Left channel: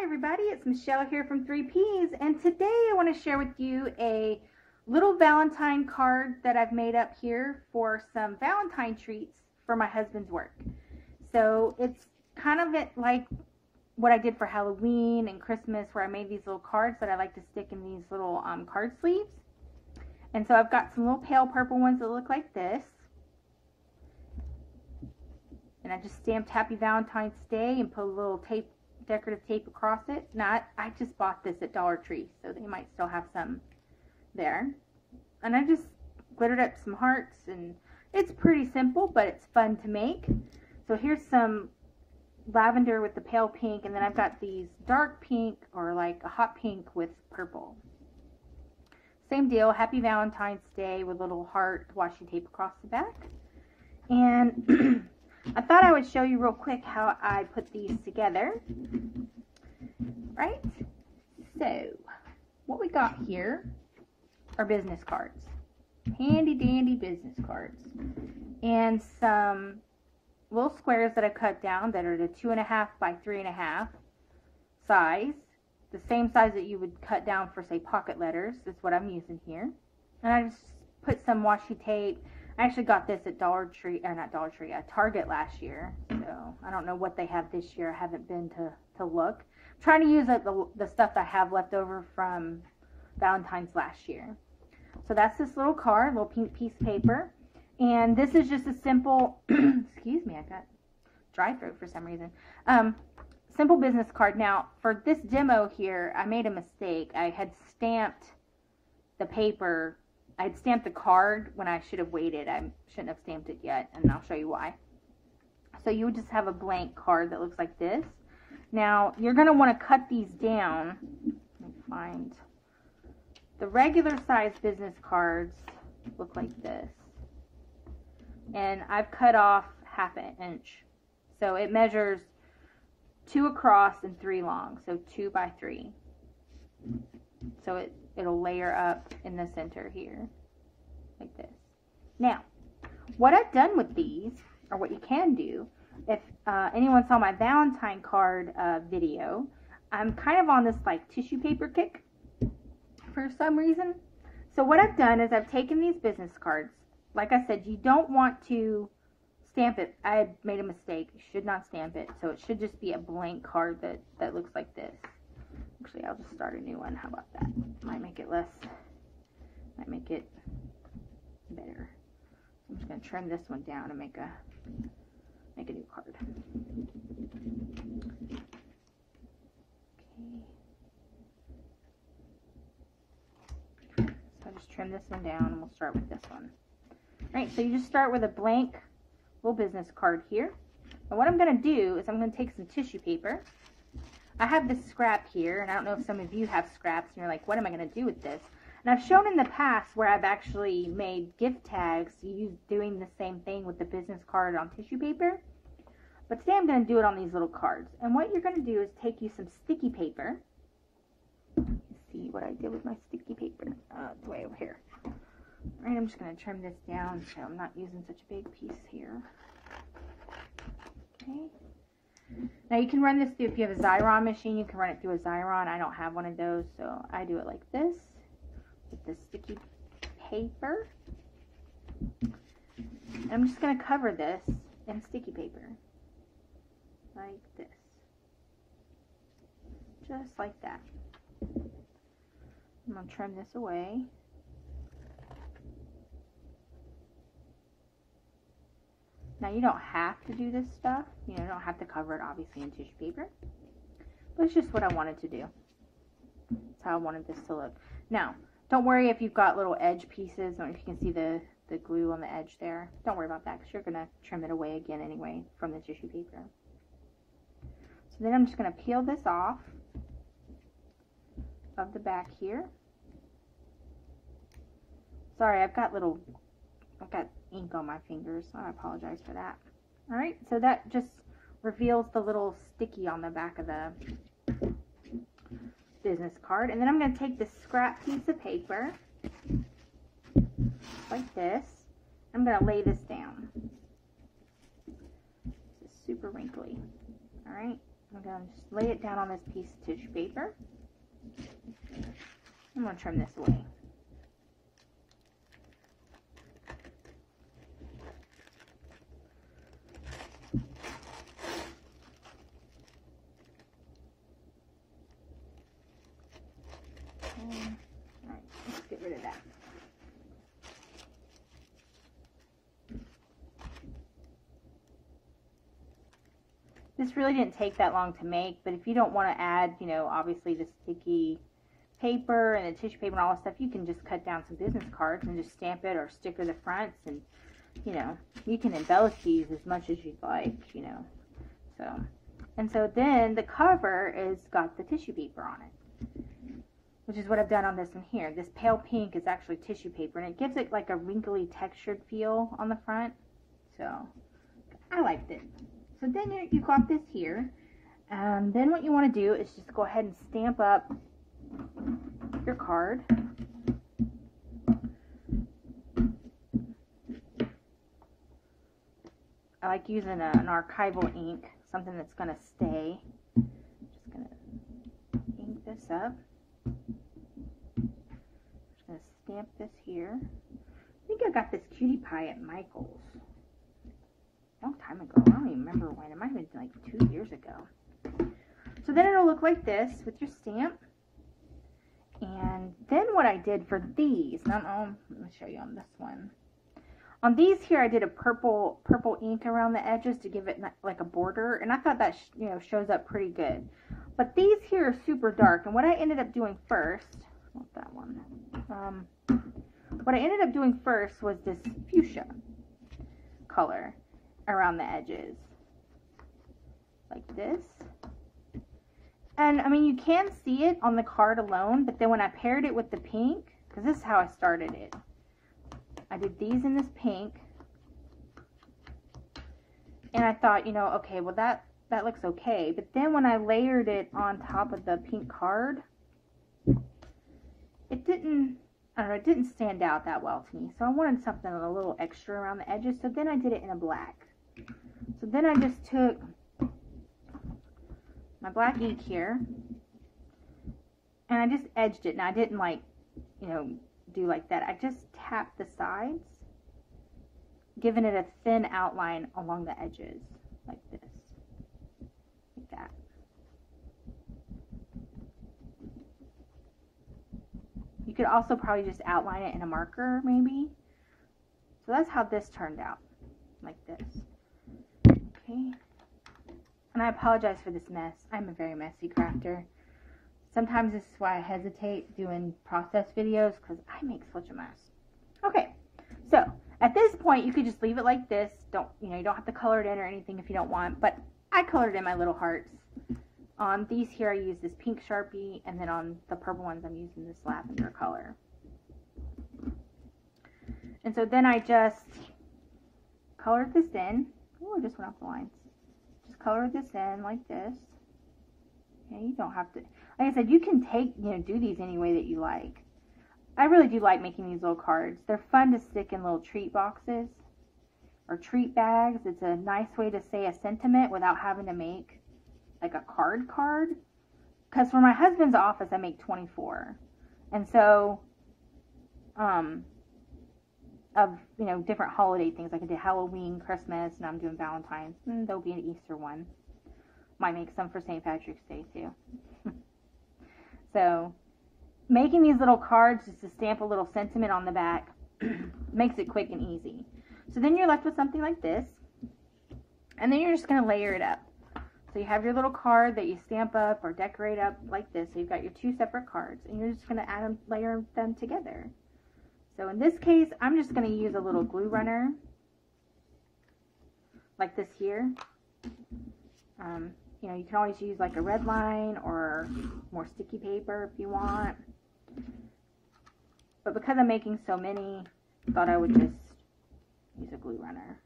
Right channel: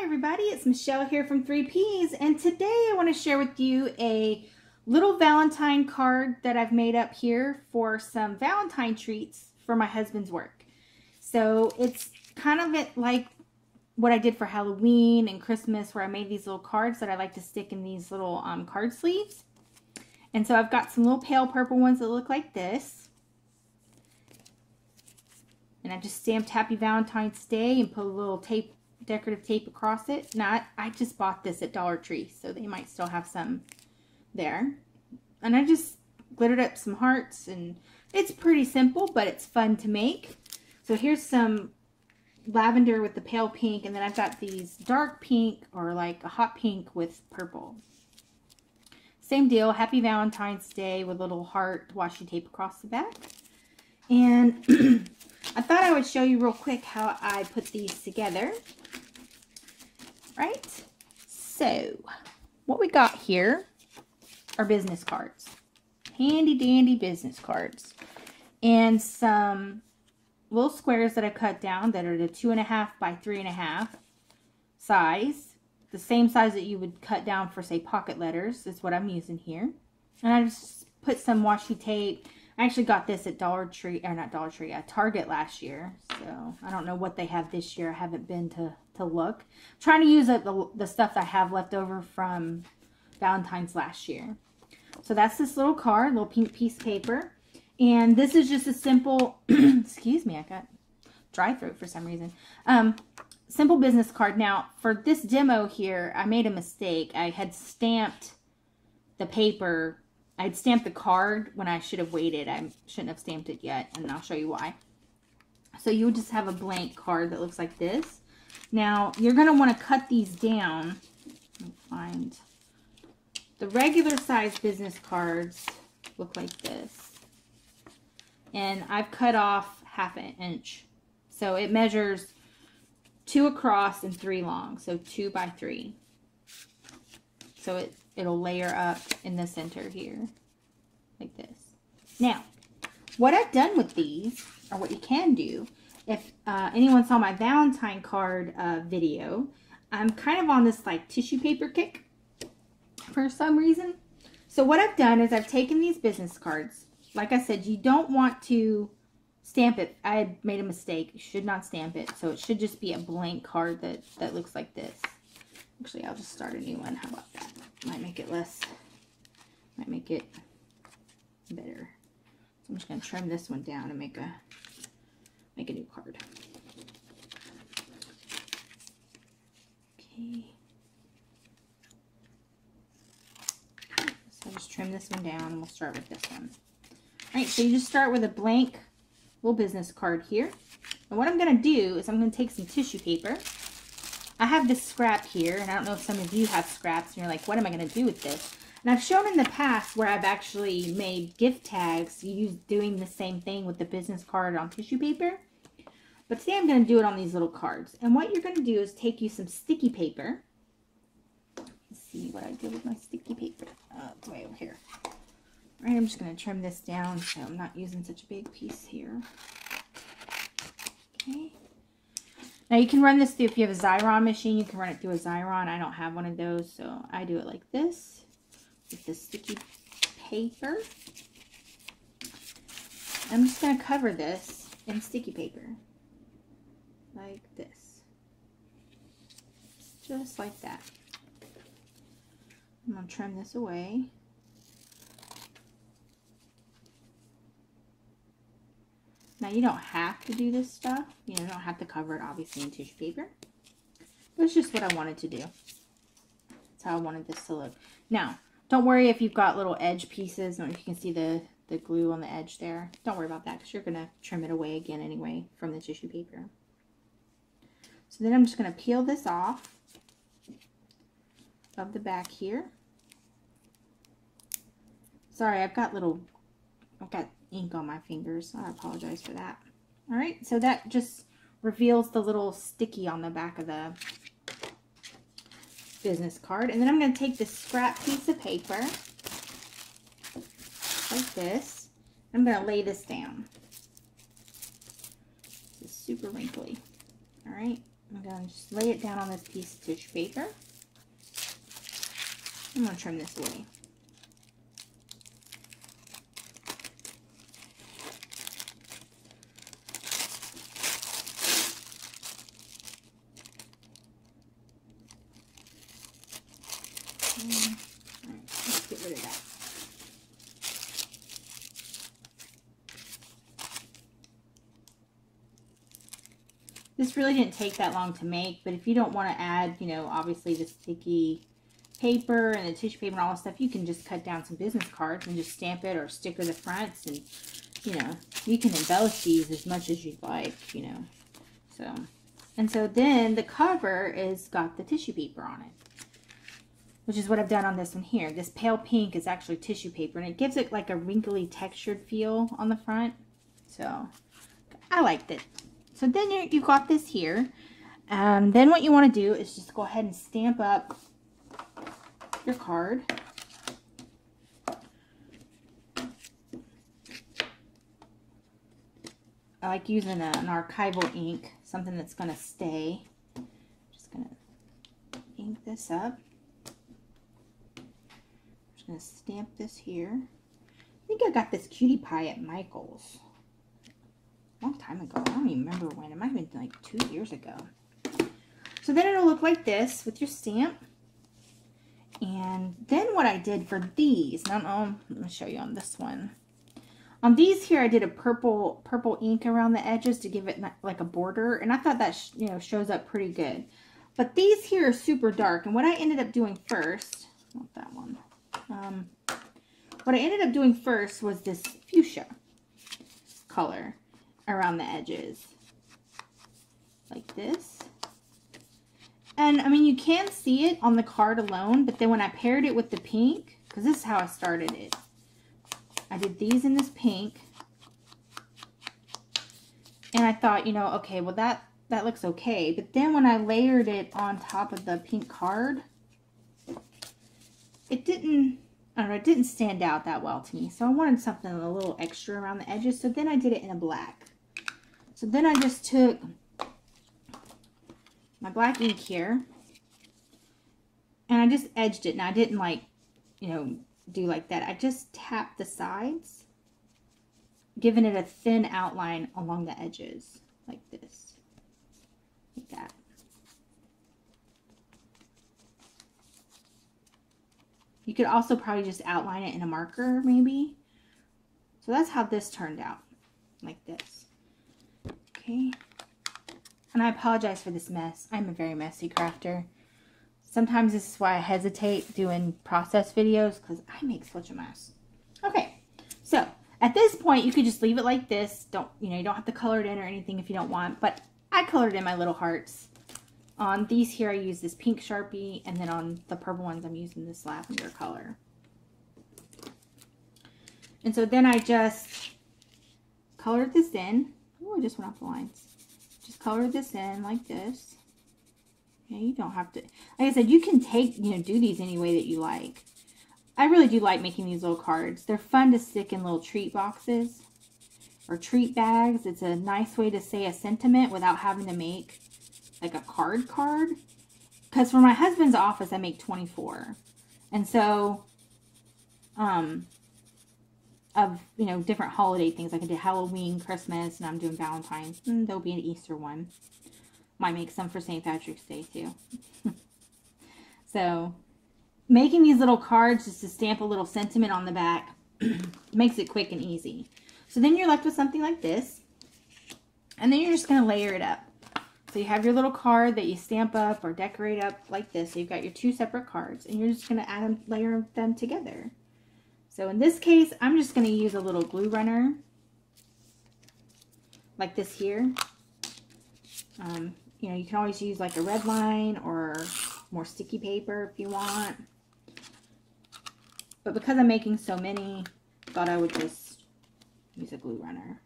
Hi everybody, it's Michelle here from 3Ps, and today I want to share with you a little Valentine card that I've made up here for some Valentine treats for my husband's work. So it's kind of like what I did for Halloween and Christmas, where I made these little cards that I like to stick in these little card sleeves. And so I've got some little pale purple ones that look like this. And I just stamped Happy Valentine's Day and put a little tape, decorative tape across it. Now I just bought this at Dollar Tree, so they might still have some there. And I just glittered up some hearts, and it's pretty simple, but it's fun to make. So here's some lavender with the pale pink, and then I've got these dark pink, or like a hot pink with purple. Same deal, Happy Valentine's Day with a little heart washi tape across the back. And I thought I would show you real quick how I put these together. Right? So, what we got here are business cards. Handy dandy business cards. And some little squares that I cut down that are the 2.5 by 3.5 size. The same size that you would cut down for, say, pocket letters is what I'm using here. And I just put some washi tape. I actually got this at Dollar Tree, or not Dollar Tree, at Target last year. So I don't know what they have this year. I haven't been to look. I'm trying to use the stuff I have left over from Valentine's last year. So that's this little card, little pink piece of paper. And this is just a simple, excuse me, I got dry throat for some reason. Simple business card. Now, for this demo here, I made a mistake. I had stamped the paper. I'd stamped the card when I should have waited. I shouldn't have stamped it yet, and I'll show you why. So you would just have a blank card that looks like this. Now, you're going to want to cut these down. Let me find the regular size business cards look like this. And I've cut off 1/2 inch. So it measures 2 across and 3 long. So 2 by 3. So it'll layer up in the center here, like this. Now, what I've done with these, or what you can do, if anyone saw my Valentine card video, I'm kind of on this like tissue paper kick for some reason. So what I've done is I've taken these business cards. Like I said, you don't want to stamp it. I had made a mistake. You should not stamp it. So it should just be a blank card that looks like this. Actually, I'll just start a new one. How about that? Might make it less, might make it better. I'm just going to trim this one down and make a new card. Okay. So I'll just trim this one down and we'll start with this one. Alright, so you just start with a blank little business card here. And what I'm going to do is I'm going to take some tissue paper. I have this scrap here, and I don't know if some of you have scraps, and you're like, what am I going to do with this? And I've shown in the past where I've actually made gift tags doing the same thing with the business card on tissue paper. But today I'm going to do it on these little cards. And what you're going to do is take you some sticky paper. Let's see what I did with my sticky paper. It's way over here. All right, I'm just going to trim this down so I'm not using such a big piece here. Okay. Now you can run this through, if you have a Xyron machine, you can run it through a Xyron. I don't have one of those, so I do it like this with the sticky paper. I'm just going to cover this in sticky paper like this. Just like that. I'm going to trim this away. Now, you don't have to do this stuff. You know, you don't have to cover it, obviously, in tissue paper. But it's just what I wanted to do. That's how I wanted this to look. Now, don't worry if you've got little edge pieces, or if you can see the glue on the edge there. Don't worry about that, because you're going to trim it away again anyway from the tissue paper. So then I'm just going to peel this off of the back here. Sorry, I've got ink on my fingers, so I apologize for that. All right, so that just reveals the little sticky on the back of the business card. And then I'm going to take this scrap piece of paper like this. I'm going to lay this down. This is super wrinkly. All right, I'm going to just lay it down on this piece of tissue paper. I'm going to trim this away. Alright, let's get rid of that. This really didn't take that long to make, but if you don't want to add, you know, obviously the sticky paper and the tissue paper and all this stuff, you can just cut down some business cards and just stamp it or sticker the fronts, and, you know, you can embellish these as much as you'd like, you know. So, and so then the cover is got the tissue paper on it, which is what I've done on this one here. This pale pink is actually tissue paper, and it gives it like a wrinkly textured feel on the front. So I liked it. So then you've got this here. Then what you want to do is just go ahead and stamp up your card. I like using an archival ink, something that's going to stay. Just going to ink this up. Just going to stamp this here. I think I got this cutie pie at Michael's a long time ago. I don't even remember when. It might have been like 2 years ago. So then it'll look like this with your stamp. And then what I did for these, let me show you on this one. On these here, I did a purple ink around the edges to give it like a border, and I thought that you know, shows up pretty good. But these here are super dark, and what I ended up doing first, not that one. What I ended up doing first was this fuchsia color around the edges, like this. And I mean, you can see it on the card alone, but then when I paired it with the pink, because this is how I started it. I did these in this pink, and I thought, you know, okay, well that looks okay. But then when I layered it on top of the pink card, it didn't, I don't know, it didn't stand out that well to me. So I wanted something a little extra around the edges. So then I did it in a black. So then I just took my black ink here, and I just edged it. And I didn't, like, you know, do like that. I just tapped the sides, giving it a thin outline along the edges, like this, like that. You could also probably just outline it in a marker, maybe. So that's how this turned out, like this. Okay. And I apologize for this mess. I'm a very messy crafter. Sometimes this is why I hesitate doing process videos, because I make such a mess. Okay, so at this point you could just leave it like this. You don't have to color it in or anything if you don't want, but I colored in my little hearts. On these here I use this pink Sharpie, and then on the purple ones I'm using this lavender color. And so then I just colored this in. Oh, I just went off the lines. Just colored this in like this. Okay, you don't have to, like I said, you can do these any way that you like. I really do like making these little cards. They're fun to stick in little treat boxes or treat bags. It's a nice way to say a sentiment without having to make like a card. Because for my husband's office, I make 24. And so, of, you know, different holiday things. Like I did Halloween, Christmas, and I'm doing Valentines. And there'll be an Easter one. Might make some for St. Patrick's Day too. So making these little cards just to stamp a little sentiment on the back makes it quick and easy. So then you're left with something like this, and then you're just going to layer it up. So you have your little card that you stamp up or decorate up like this. So you've got your two separate cards, and you're just going to add them, layer them together. So in this case, I'm just going to use a little glue runner like this here. You know, you can always use like a red line or more sticky paper if you want. But because I'm making so many, I thought I would just use a glue runner.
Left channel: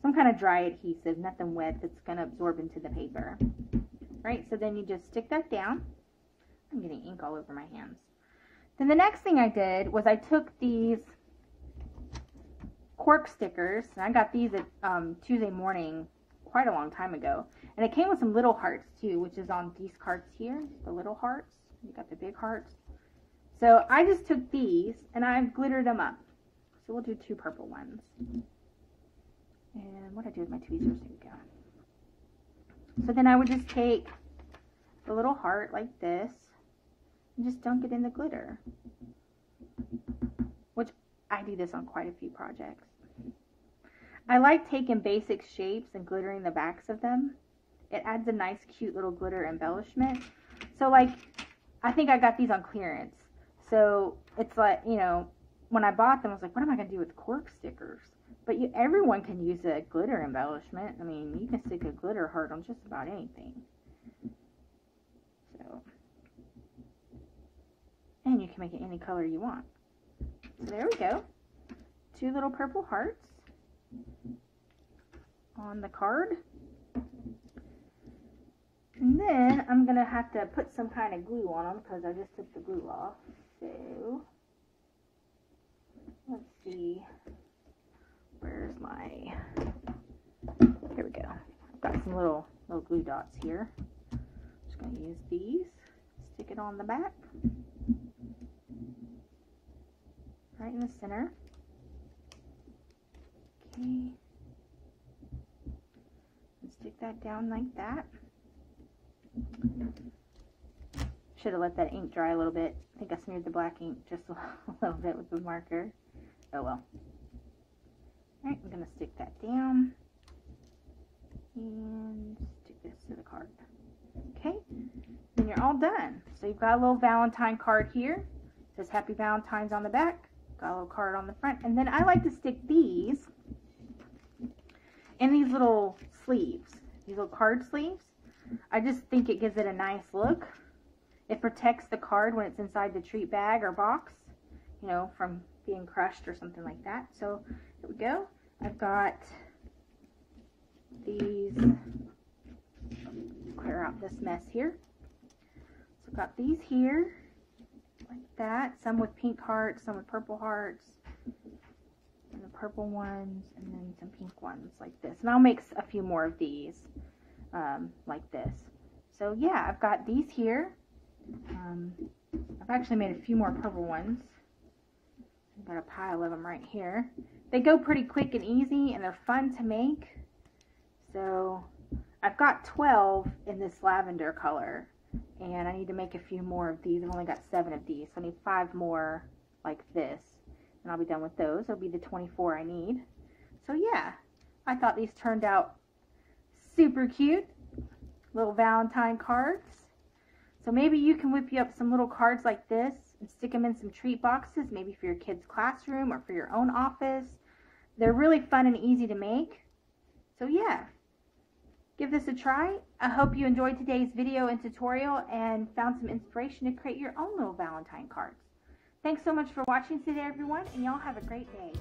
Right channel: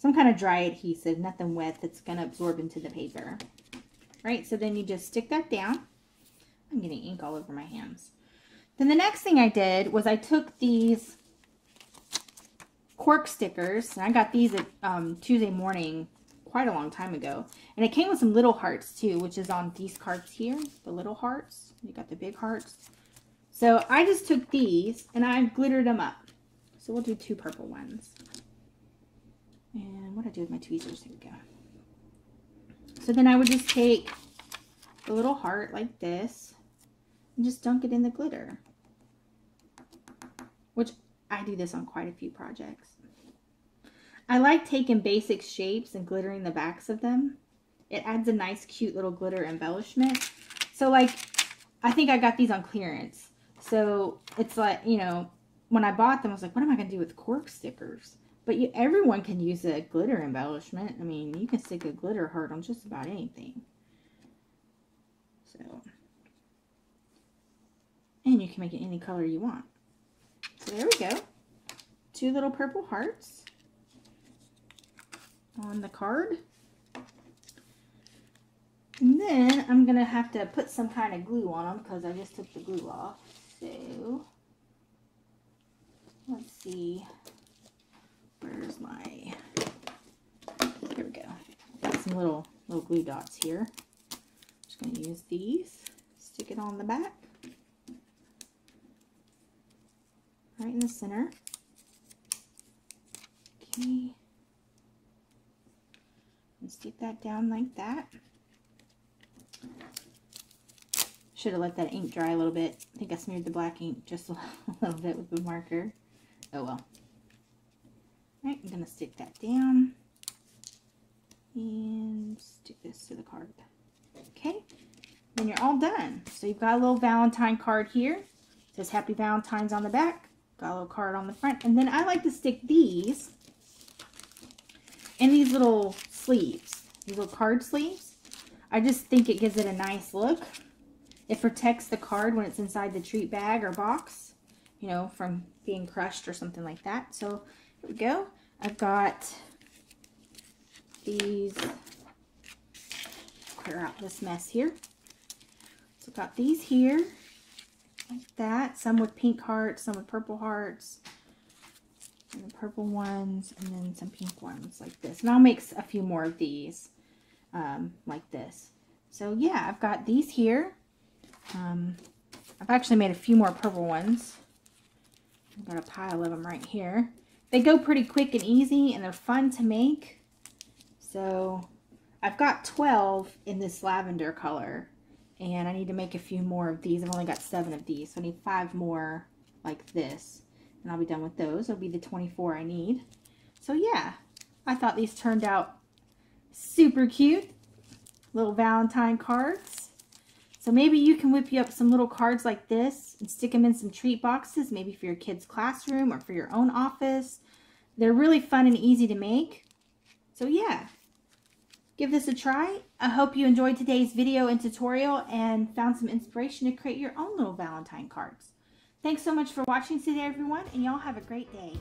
Some kind of dry adhesive, nothing wet that's going to absorb into the paper. Right, so then you just stick that down. I'm getting ink all over my hands. Then the next thing I did was I took these cork stickers, and I got these at Tuesday morning quite a long time ago. And it came with some little hearts too, which is on these cards here. The little hearts. You got the big hearts. So I just took these and I glittered them up. So we'll do 2 purple ones. And what do I do with my tweezers? Here we go. So then I would just take the little heart like this and just dunk it in the glitter. Which I do this on quite a few projects. I like taking basic shapes and glittering the backs of them. It adds a nice cute little glitter embellishment. So like, I think I got these on clearance. So it's like, you know, when I bought them, I was like, what am I going to do with cork stickers? But everyone can use a glitter embellishment. I mean, you can stick a glitter heart on just about anything. So, and you can make it any color you want. So there we go. 2 little purple hearts on the card. And then I'm going to have to put some kind of glue on them because I just took the glue off. So, let's see. Where's my... Here we go. I've got some little glue dots here. Just going to use these. Stick it on the back. Right in the center. Okay. And stick that down like that. Should have let that ink dry a little bit. I think I smeared the black ink just a little bit with the marker. Oh well. Alright, I'm going to stick that down. And stick this to the card. Okay. Then you're all done. So you've got a little Valentine card here. It says Happy Valentine's on the back. Got a little card on the front. And then I like to stick these in these little sleeves. These little card sleeves. I just think it gives it a nice look. It protects the card when it's inside the treat bag or box, you know, from being crushed or something like that. So here we go. I've got these. Clear out this mess here. So I've got these here, like that. Some with pink hearts, some with purple hearts, and the purple ones, and then some pink ones like this. And I'll make a few more of these, like this. So yeah, I've got these here. I've actually made a few more purple ones. I've got a pile of them right here. They go pretty quick and easy, and they're fun to make. So I've got 12 in this lavender color, and I need to make a few more of these. I've only got 7 of these, so I need 5 more like this, and I'll be done with those. It'll be the 24 I need. So yeah, I thought these turned out super cute. Little Valentine cards. So maybe you can whip you up some little cards like this and stick them in some treat boxes, maybe for your kid's classroom or for your own office. They're really fun and easy to make. So yeah, give this a try. I hope you enjoyed today's video and tutorial and found some inspiration to create your own little Valentine cards. Thanks so much for watching today, everyone, and y'all have a great day.